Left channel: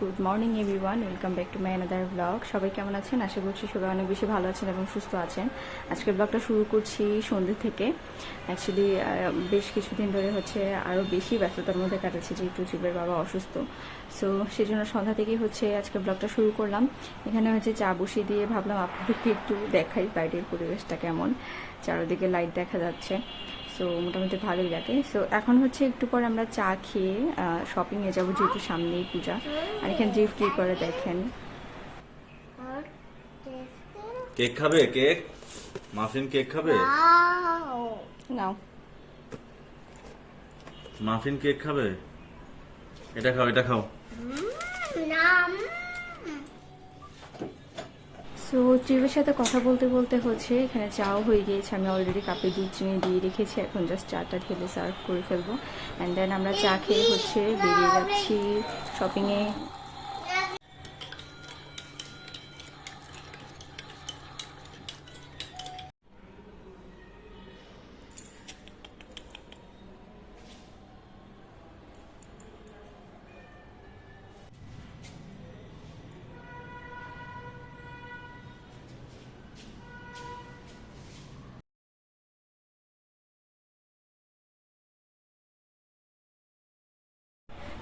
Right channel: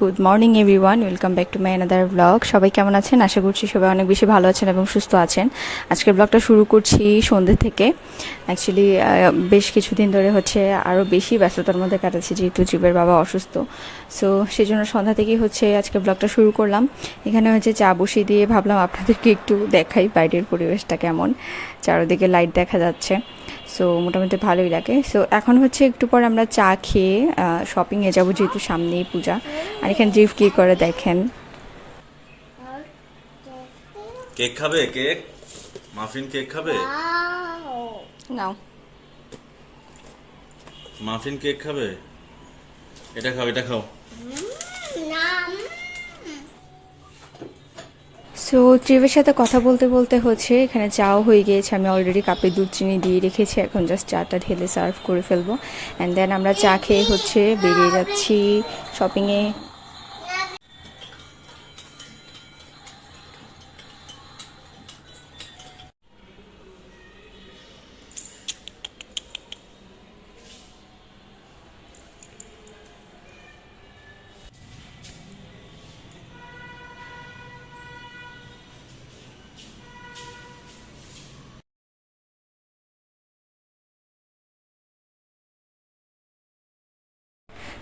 Good morning everyone welcome back to my another blog সবাই কেমন আছেন? আশা করছি সবাই অনেক বেশি ভালো আছেন এবং সুস্থ আছেন। আজকের ব্লগটা শুরু করছি সন্ধ্যে থেকে। অ্যাকচুয়ালি বেশ কিছুদিন ধরে হচ্ছে আরও বেশি ব্যস্ততার মধ্যে কাটাচ্ছি, যেহেতু জীবের বাবা অসুস্থ। সো সেই জন্য সন্ধ্যা থেকেই হচ্ছে আজকে ব্লগটা শুরু করলাম। এখানে হচ্ছে চা বসিয়ে দিয়ে ভাবলাম আপনাদেরকে একটু দেখাই বাইরের পরিবেশটা কেমন। চারোদিকে লাইট দেখা যাচ্ছে। সো মোটামুটি ভালোই লাগে। সো এখন হচ্ছে একটু পর আমরা চা খেয়ে শপিংয়ে যাব যেহেতু সামনেই পূজা। আর এখানে জিফ কী করে দেখেন? কেক খাবে কেক? মাফিন কেক খাবে? নাও। মাফিন কেক খাবে? এটা খাও এটা খাও। সো ট্রিপের সাথে কথা বলতে বলতে হচ্ছে এখানে চাও হয়ে গিয়েছে। আমি অলরেডি কাপে দুধ চিনি দিয়ে রেখেছি এখন জাস্ট চাটা ঢেলে সার্ভ করে ফেলব। অ্যান্ড দেন আমরা চা খেয়ে হচ্ছে বেরিয়ে যাচ্ছি শপিংয়ে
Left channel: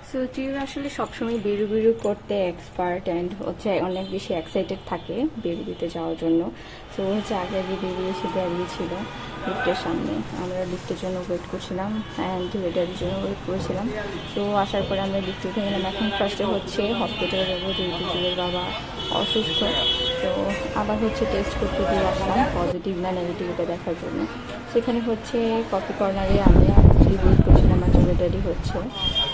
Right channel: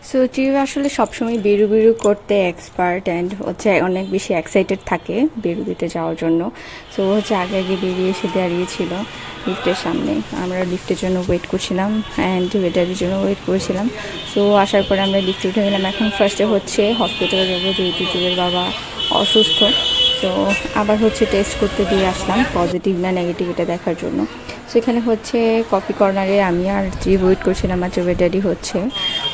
সো চিউ আসলে সবসময় বেরু বেরু করতে এক্সপার্ট অ্যান্ড হচ্ছে অনেক বেশি এক্সাইটেড থাকে বেরু দিতে যাওয়ার জন্য। সো হচ্ছে আগে আগে বেরিয়ে এসে দাঁড়িয়েছিল লিফটের সামনে। আমরা লিফটের জন্য ওয়েট করছিলাম অ্যান্ড ওয়েটারের জন্য ওয়েট করেছিলাম। সো আসার পরে আমরা লিফটে উঠে গেলাম। এখন ফার্স্টে হচ্ছে হসপিটালে যাব, যেহেতু বাবা অসুস্থ। তো আবার হচ্ছে টেস্ট করতে দিয়ে আসলাম পজিটিভ না নেগেটিভ এটা দেখার জন্য। সেখানে হচ্ছে কপি কর্নারে আমি আর যে ওয়েট করছিলাম আর ভেটারি হচ্ছে,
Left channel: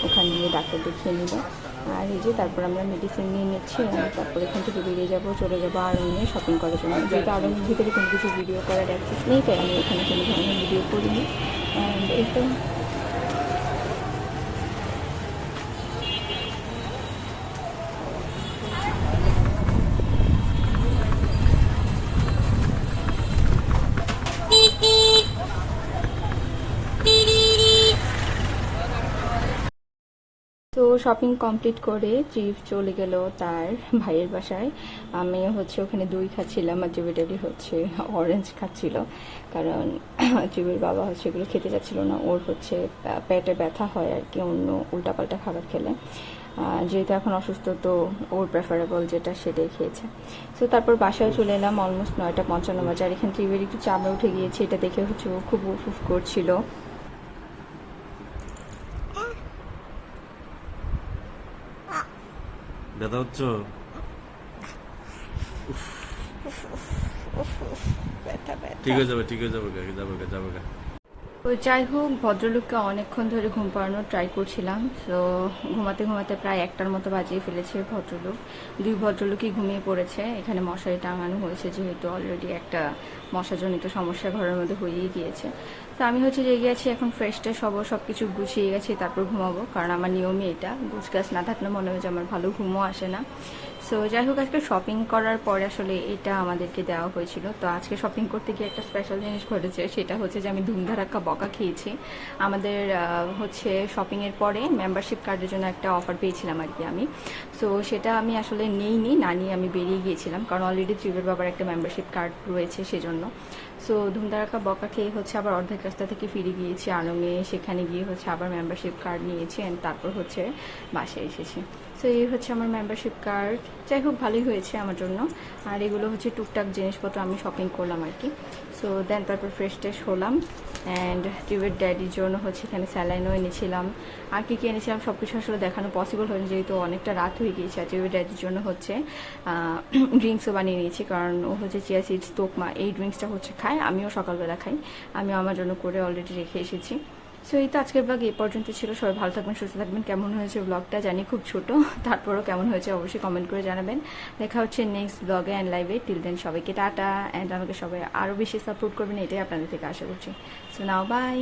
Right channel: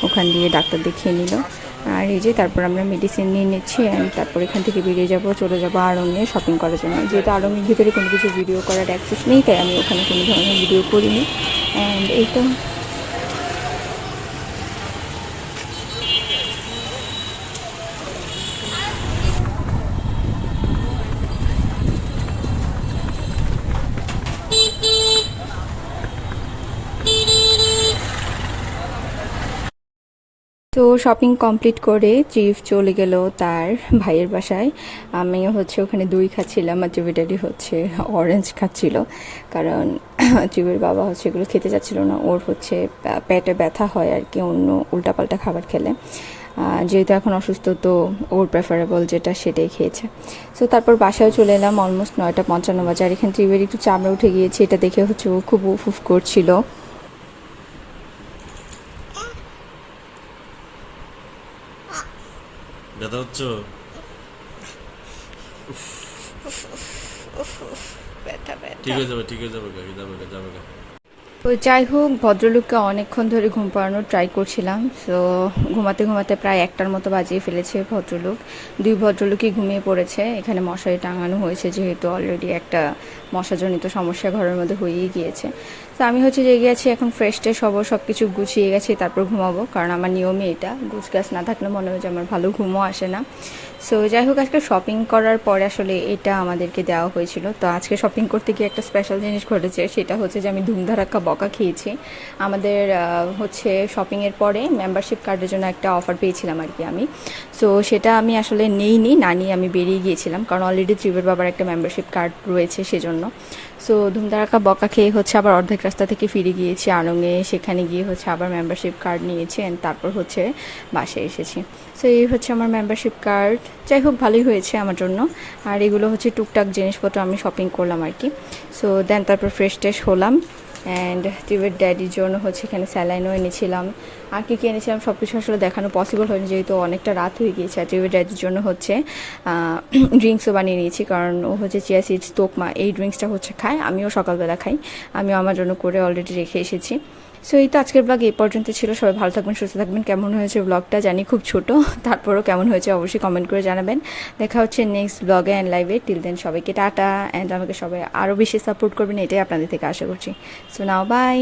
ওখান দিয়ে ডাক্তার দেখিয়ে নিল। আর এই যে তারপর আমরা মেডিসিন নিয়ে নিচ্ছি তারপর এখান থেকে বেরিয়ে যাব, চলে যাব আড়ঙে শপিং করার জন্য। যেহেতু আড়ঙের ভিতরে কোনো কিছু ভিডিও করার অ্যাক্সেস নেই, তাই আমি ওখানে কোনো ধরনের ভিডিও করিনি। অ্যান্ড এই তো তো শপিং কমপ্লিট করে চিফ চলে গেল তার ভাইয়ের বাসায়। আমি হচ্ছে ওখানে দই খাচ্ছিলাম আর জুবিটারি হচ্ছে অরেঞ্জ খাচ্ছিল। কারণ চিবের বাবা হচ্ছে এগুলো খেতে যাচ্ছিল না। ওর হচ্ছে পেটে ব্যথা হয় আর কি, অন্য উল্টাপাল্টা খাবার খেলে। যেহেতু এখন অসুস্থ, তো ওর প্রেফারেবল যেটা সেটাই খেয়েছে। সো তারপর বাসায় চলে এলাম অলমোস্ট নয়টা পঞ্চান্ন বাজার এখানে ত্রিবের একটু চামড়া উঠে গিয়েছে। এটা দেখে হচ্ছে ও খুব উফ উফ করছিল। ব্যথা ঠিক হয়ে যাবে, ঠিক হয়ে যাবে গা যাবে গা যাবে গা তো যাই হোক, ভদ্রলোককে অনেকক্ষণ ধরে ঘুম পাড়ানোর ট্রাই করছিলাম তো ঘুমাতে ঘুমাতে প্রায় একটার মতো বাজিয়ে ফেলেছে ভদ্রলোক। দুই ভদ্রলোকই ঘুমিয়ে পড়েছে, এখানে মশারি টাঙানো হয়েছে যেহেতু অলরেডি একটা মশাজনিত সমস্যা ঘরের মধ্যে হয়েই গিয়েছে। তো আমি হচ্ছে জেগে আছি এখন ফ্রেশ ট্রেশ হব সব কিছু গুছিয়ে গেছি, তারপর ঘুমাবো। কারণ আমার নিয়মে এটা গুছ গাছ না থাকলে মনে হয় যে আমার ভালো ঘুমও আসে না। সো যাই হোক, আজকে শপিং করার পরে আসলে এটা আমাদেরকে দেওয়া হয়েছিল। তো আজকে শপিং করতে গিয়ে একটা স্পেশাল জিনিস ঘটেছে, সেটা হচ্ছে যে আমি ধুমধারাক্কা বকা খেয়েছি। আমাদের হচ্ছে শপিংয়ের পরে মেম্বারশিপ কার্ডের জন্য একটা অফার পেয়েছিলাম আর কি আমি। সো সেটা আমি আসলে নেইনি, না নিয়ে আমি বেরিয়ে গিয়েছিলাম। কারণ অলরেডি ত্রিবের বাবার একটা মেম্বারশিপ কার্ড রয়েছে সেজন্য। সো ধুমধারাকা বকা খেয়ে হচ্ছে আবার অর্ধেক রাস্তা থেকে ফিরে গিয়েছি। আনঙ্গে সেখানে গিয়ে হচ্ছে আবার মেম্বারশিপ কার্ড নিয়েছি অ্যান্ড তারপর হচ্ছে বাসে এসেছি। সো এই হচ্ছে আমার মেম্বারশিপ কার্ড যাই হোক, ভালোই হয়েছে আমার জন্য। আর এগুলো হচ্ছে টুকটাক জিনিসপত্র আমি শপিং করলাম আর কি। সো দেন তারপর ফ্রেশ ট্রেশ হলাম। অ্যান্ড টিউবের ড্যাডির জন্য হচ্ছে এখানে স্যালাইনও এনেছিলাম। আর কী কী এনেছিলাম সব কিছু আসলে দেখানো পসিবল হয়নি, যেহেতু অনেকটা রাত হয়ে গিয়েছে। আর টিউবের ড্যাডির জন্য হচ্ছে ড্রিঙ্কসও বানিয়ে নিয়েছি, কারণ ও হচ্ছে চিয়া সিডস তোকমা, এই ড্রিঙ্কসটা হচ্ছে খায়, আমিও সকালবেলা খাই। আমিও আমার জন্য করে অলরেডি রেখে এসেছি। সো এই তো আজকের ব্লগ এই পর্যন্ত ছিল। সবাই ভালো থাকবেন, সুস্থ থাকবেন। কেমন হয়েছে ব্লগটা জানি খুব ছোট, তারপরও কেমন হয়েছে অবশ্যই কমেন্ট করে জানাবেন। দেখা হচ্ছে নেক্সট ব্লগে অ্যান্ড লাইভে টিল দেন সবাইকে টাটা। অ্যান্ড আমাকে সবাই আরও বেশি সাপোর্ট করবেন, এটাই আপনাদের থেকে আশা করছি। So now by